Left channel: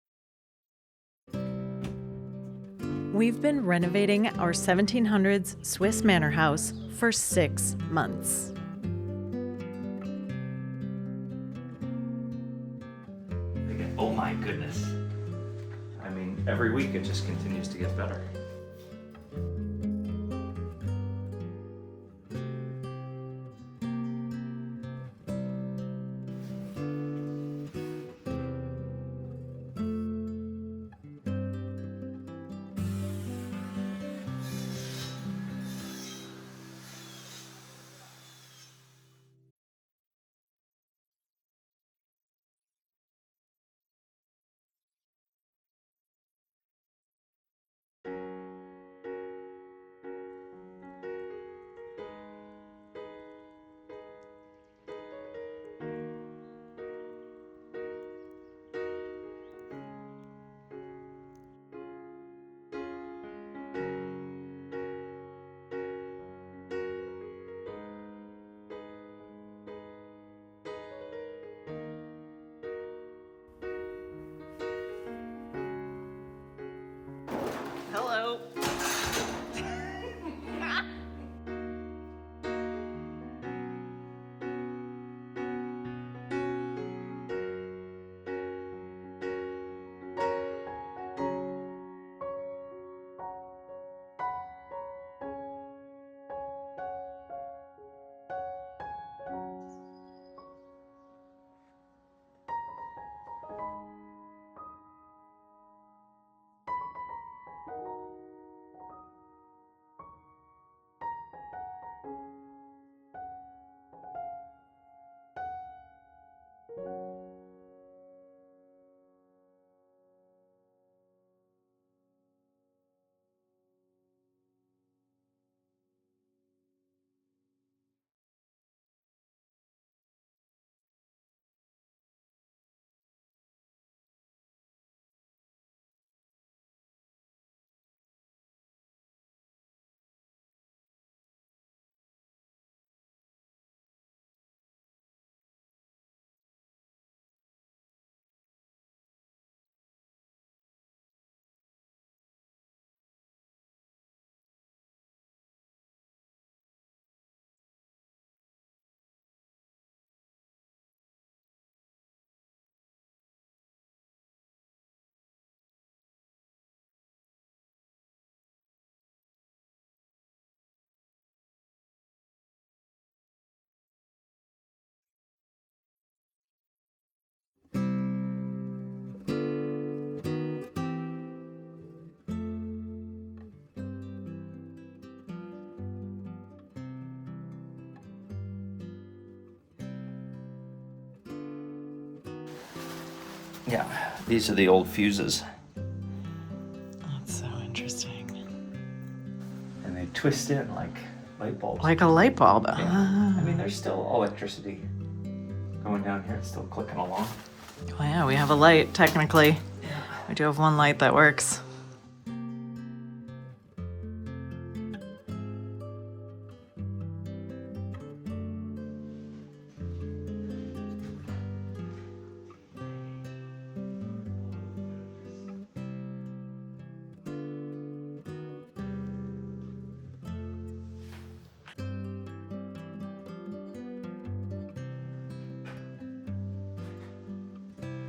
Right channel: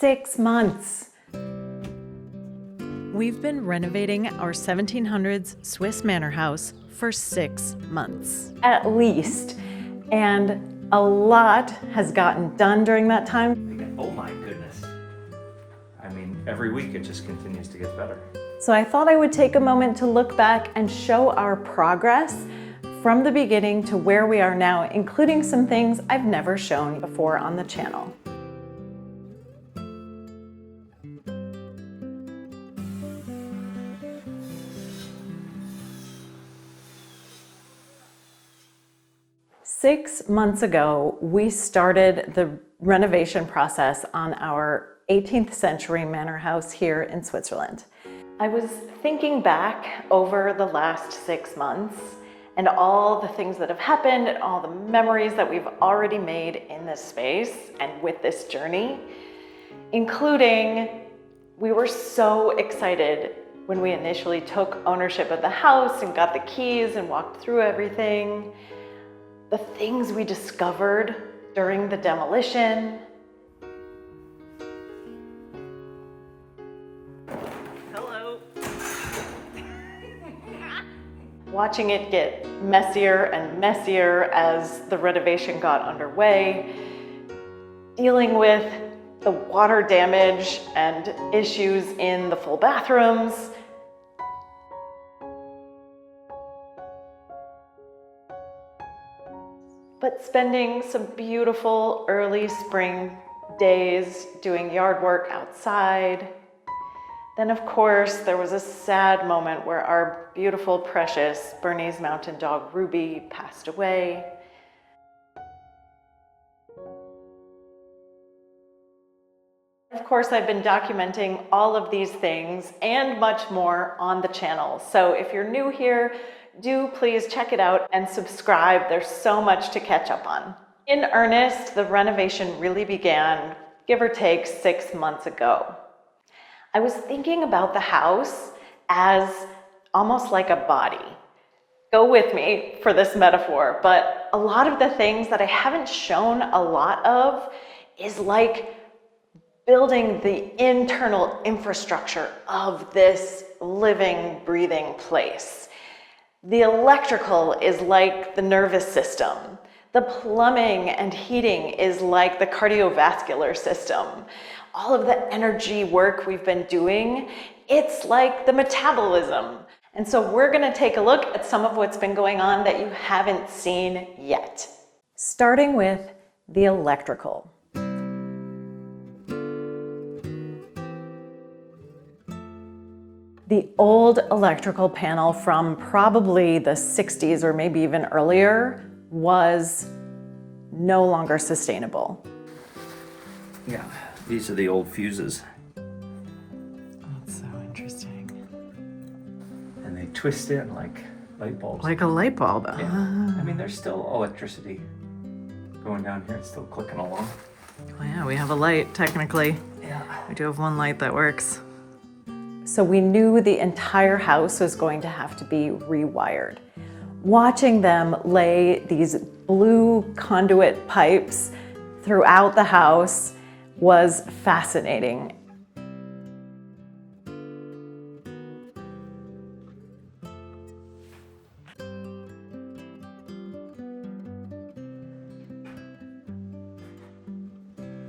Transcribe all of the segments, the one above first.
6 months. We've been renovating our 1700s Swiss manor house for 6 months. At least. And a lot has gotten done during that time. Oh my goodness. I mean, every week it just continues to get better. So I thought I would take a moment to look back and show our progress from the beginning to where we are now, including some things I've never shown before on the channel. Six months ago, we started the renovation process on our 18th century manor house here in Switzerland. I was thinking back over the last 6 months and all the things that have happened and all the memories that we've already made in this space and with this journey, including we were so excited when we initially took ownership of the house and got the keys and walked through everything. The things we discovered during the demolition. Hello. Watching it get messier and messier as the renovation got underway. Dealing with the water damage and issues in the full bathrooms. But spending some beautiful early spring days doing yard work outside. Then of course, there was a sad moment where our beautiful, precious Bernese Mountain Dog Ruby passed away. Of course, I've been documenting all of these things and much more on the channel. So if you're new here, do please check it out and subscribe. There's so much to catch up on. In earnest, the renovation really began, give or take, 6 months ago. I was thinking about the house as almost like a body. Go with me for this metaphor, but a lot of the things that I haven't shown a lot of is like building the internal infrastructure of this living, breathing place. The electrical is like the nervous system. The plumbing and heating is like the cardiovascular system. All of the energy work we've been doing, it's like the metabolism. And so we're gonna take a look at some of what's been going on that you haven't seen yet. Starting with the electrical. The old electrical panel from probably the 60s or maybe even earlier was no longer sustainable. Yeah, these are the old fuses. That's so interesting. And they twist in like light bulbs. Like a light bulb. Yeah. I mean, there's still electricity going down here. It's still clicking along. Well, yeah, we have a light, technically. Yeah. We do have one light that works. So we knew the entire house was going to have to be rewired. Watching them lay these blue conduit pipes throughout the house was fascinating.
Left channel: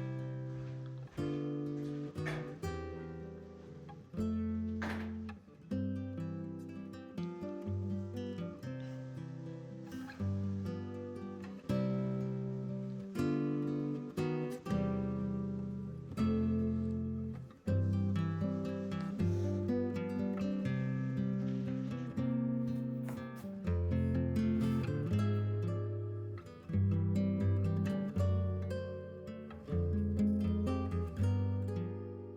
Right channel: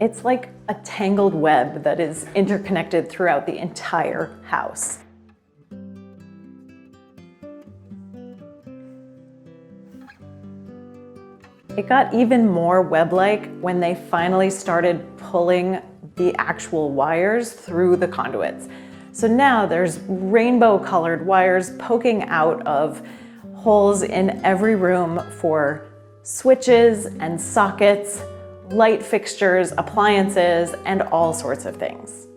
It's like a tangled web that is interconnected throughout the entire house. It got even more web-like when they finally started pulling the actual wires through the conduits. So now there's rainbow-colored wires poking out of holes in every room for switches and sockets, light fixtures, appliances, and all sorts of things.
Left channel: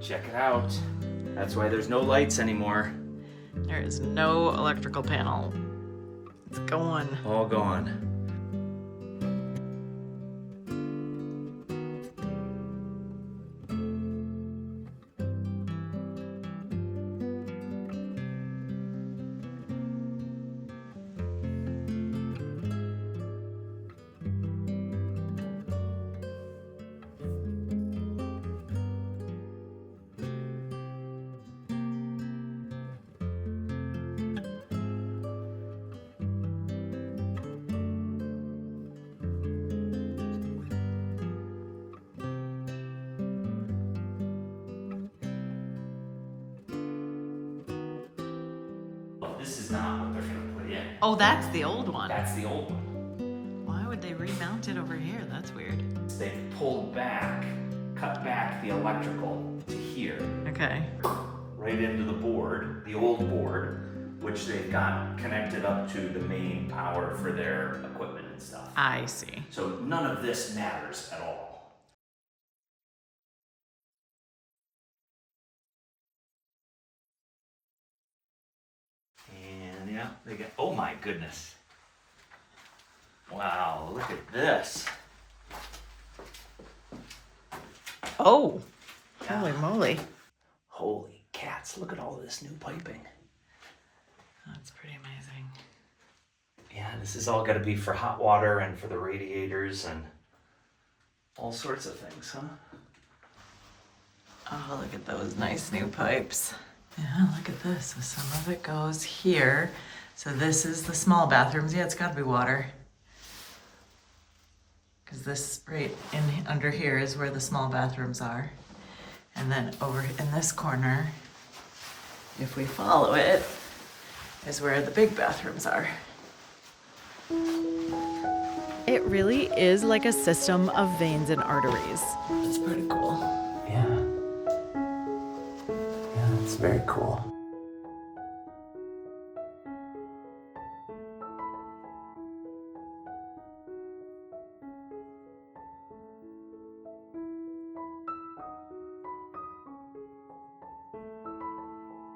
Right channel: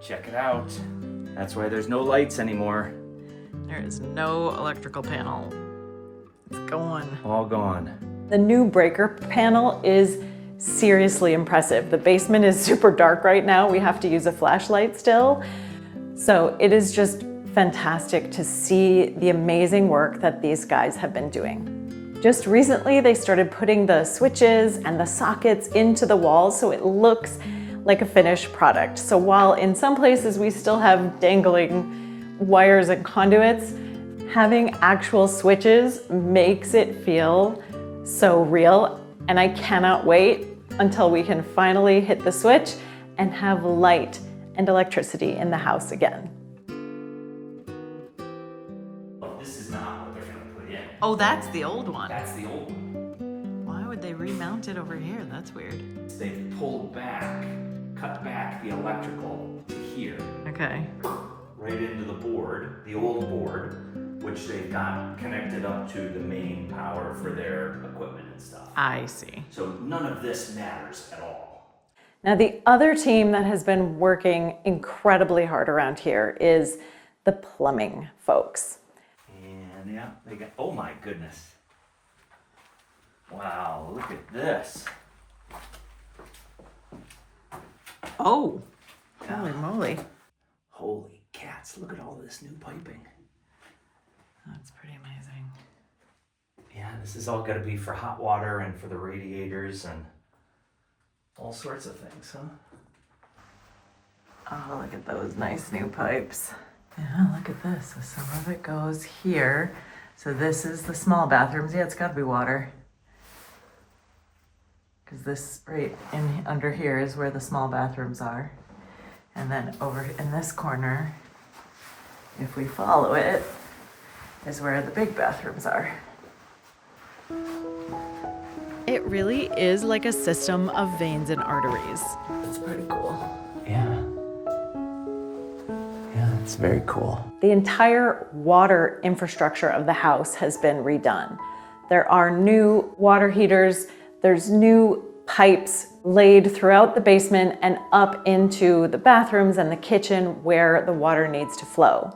Check it out. That's why there's no lights anymore. There is no electrical panel. It's gone. All gone. The new breaker panel is seriously impressive. The basement is super dark right now. We have to use a flashlight still. So it is just fantastic to see the amazing work that these guys have been doing. Just recently, they started putting the switches and the sockets into the walls so it looks like a finished product. So while in some places we still have dangling wires and conduits, having actual switches makes it feel so real. And I cannot wait until we can finally hit the switch and have light and electricity in the house again. Well, this is not what they're gonna put in. Oh, that's the old one. That's the old one. Why would they remount it over here? That's weird. They pulled back, cut back the electrical to here, Okay. right into the board, the old board, which they got connected up to the main power for their equipment and stuff. I see. So none of this matters at all. Now, the other team that has been working incredibly hard around here is the plumbing folks. And yeah, they got, oh my goodness. Wow, look at this. Oh, holy moly. Holy cats, look at all this new piping. That's pretty amazing. Yeah, this is all gonna be for hot water and for the radiators and all sorts of things, huh? Oh, look at those nice new pipes. Yeah, look at this. So some of it goes here. So this is the small bathrooms. Yeah, it's got to be water. Because this right in under here is where the small bathrooms are. And then over in this corner, if we follow it, is where the big bathrooms are. It really is like a system of veins and arteries. It's pretty cool. Yeah. Yeah, it's very cool. The entire water infrastructure of the house has been redone. There are new water heaters, there's new pipes laid throughout the basement and up into the bathrooms and the kitchen where the water needs to flow.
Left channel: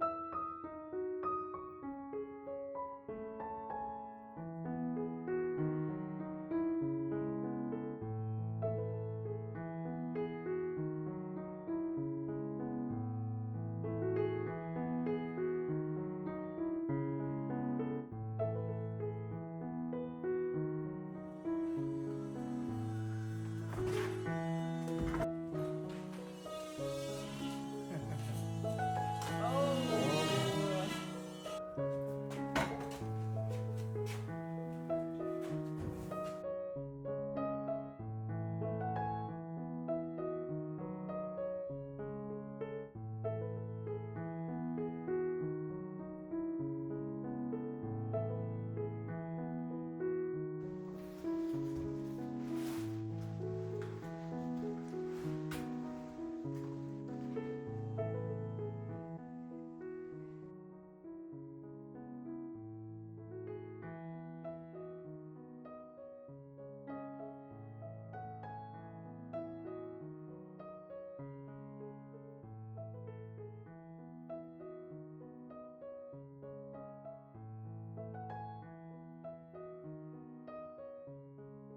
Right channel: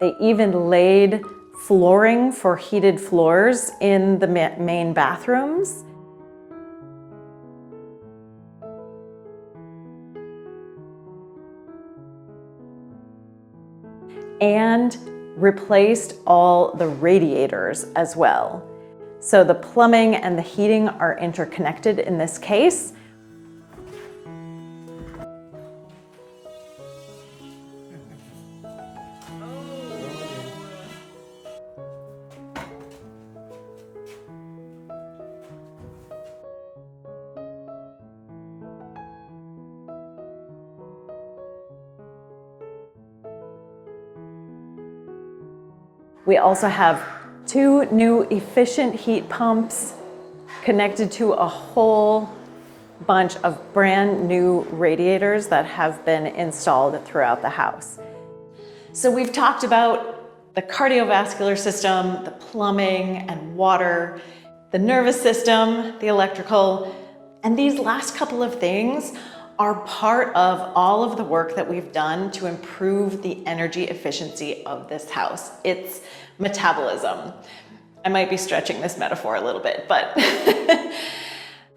They even laid flooring for heated floors in the main bathrooms. And replaced all the radiators as well. So the plumbing and the heating are interconnected in this case. We also have 2 new efficient heat pumps connected to a whole bunch of brand new radiators that have been installed throughout the house. So we've talked about the cardiovascular system, the plumbing and water, the nervous system, the electrical, and these last couple of things are part of all of the work that we've done to improve the energy efficiency of this house. It's metabolism. I might be stretching this metaphor a little bit, but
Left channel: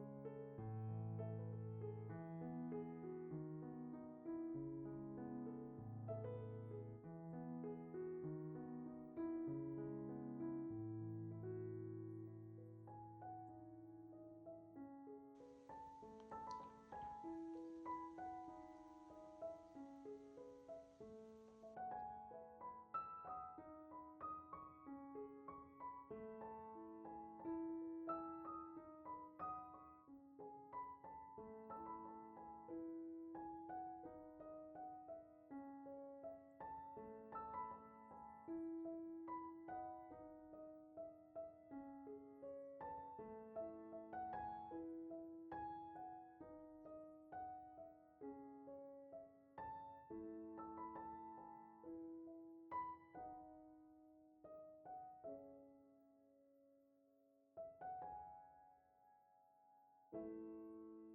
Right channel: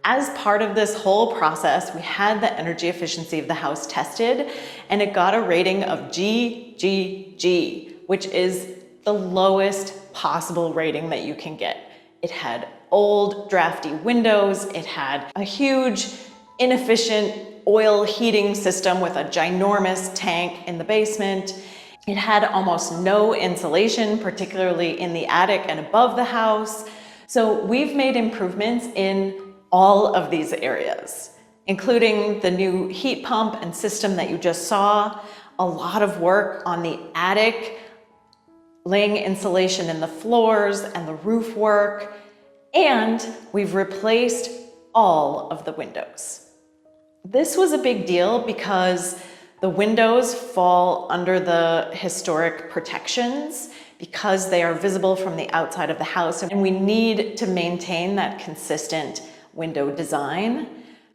as part of this whole process, we had the energy efficiency of the house tested, and it got a rating of GGG, which is the lowest possible rating that you can get. It had old, drafty windows, it had a huge, inefficient oil heating system with a ginormous tank in the basement. It had almost no insulation, particularly in the attic and above the house. So we've made improvements in all of these areas, including the new heat pump and system that you just saw, a lot of work on the attic, laying insulation in the floors and the roof work, and we've replaced all of the windows. This was a big deal because the windows fall under the historic protections because they are visible from the outside of the house, and we need to maintain that consistent window design.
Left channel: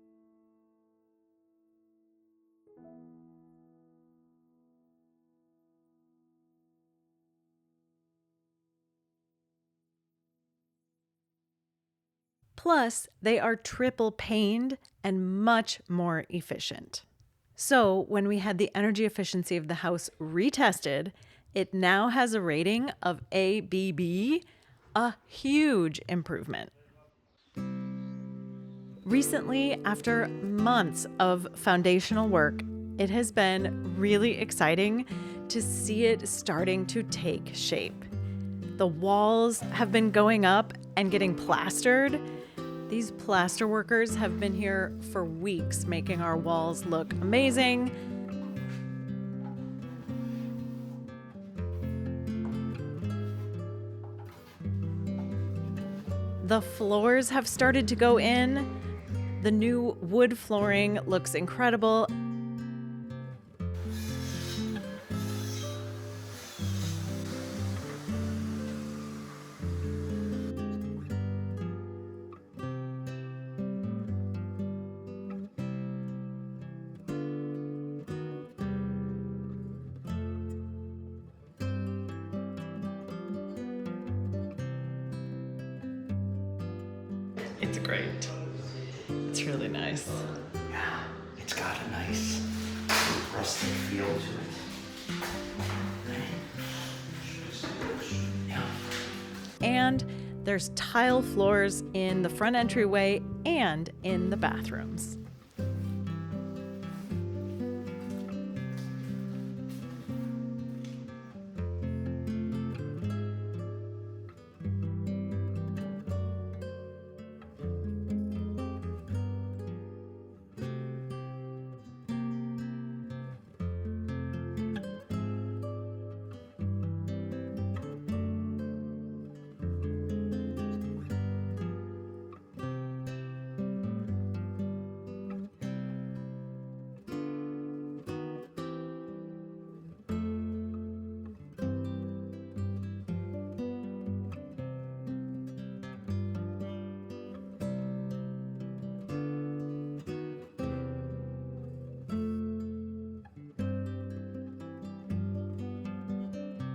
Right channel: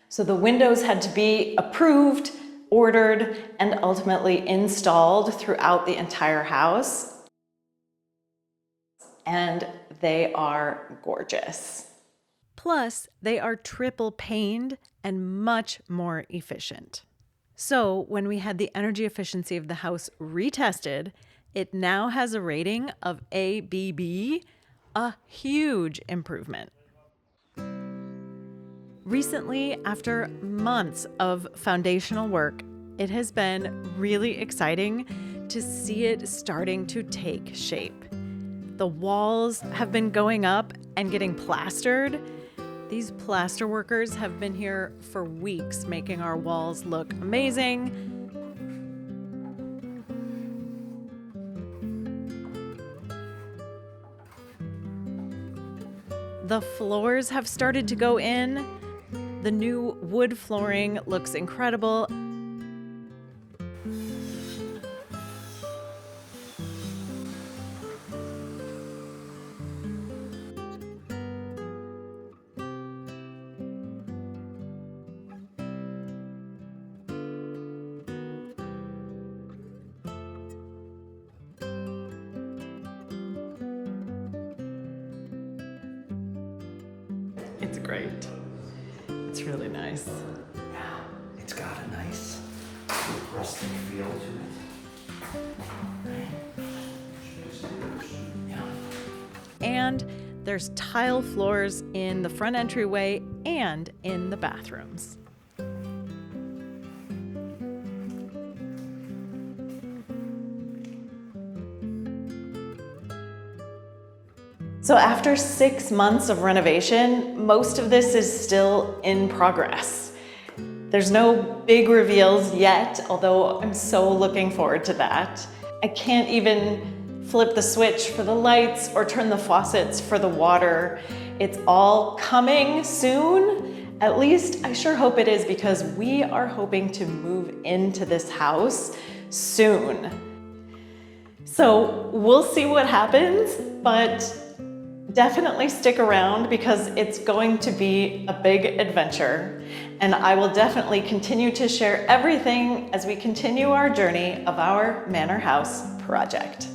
So the windows had to be approved, ordered, and ultimately installed throughout the entire house. And they are gorgeous. Plus, they are triple paned and much more efficient. So when we had the energy efficiency of the house retested, it now has a rating of ABB, A huge improvement. Recently, after months of foundational work, it has been really exciting to see it starting to take shape. The walls have been going up and getting plastered. These plaster workers have been here for weeks, making our walls look amazing. The floors have started to go in. The new wood flooring looks incredible. It's great. It's really nice. Yeah, it's got a nice rusty feel to it. Yeah. And there's tile floors in the front entryway and in the bathrooms. So after 6 months of renovation, most of this is still in progress. There's no big reveals yet, although I'm so looking forward to that. I can't even flip the switch for the lights or turn the faucets for the water. It's all coming soon. At least I sure hope it is, because we are hoping to move into this house soon. So we'll see what happens, but definitely stick around because it's going to be a big adventure. And I will definitely continue to share everything as we continue our journey of our Manor House project.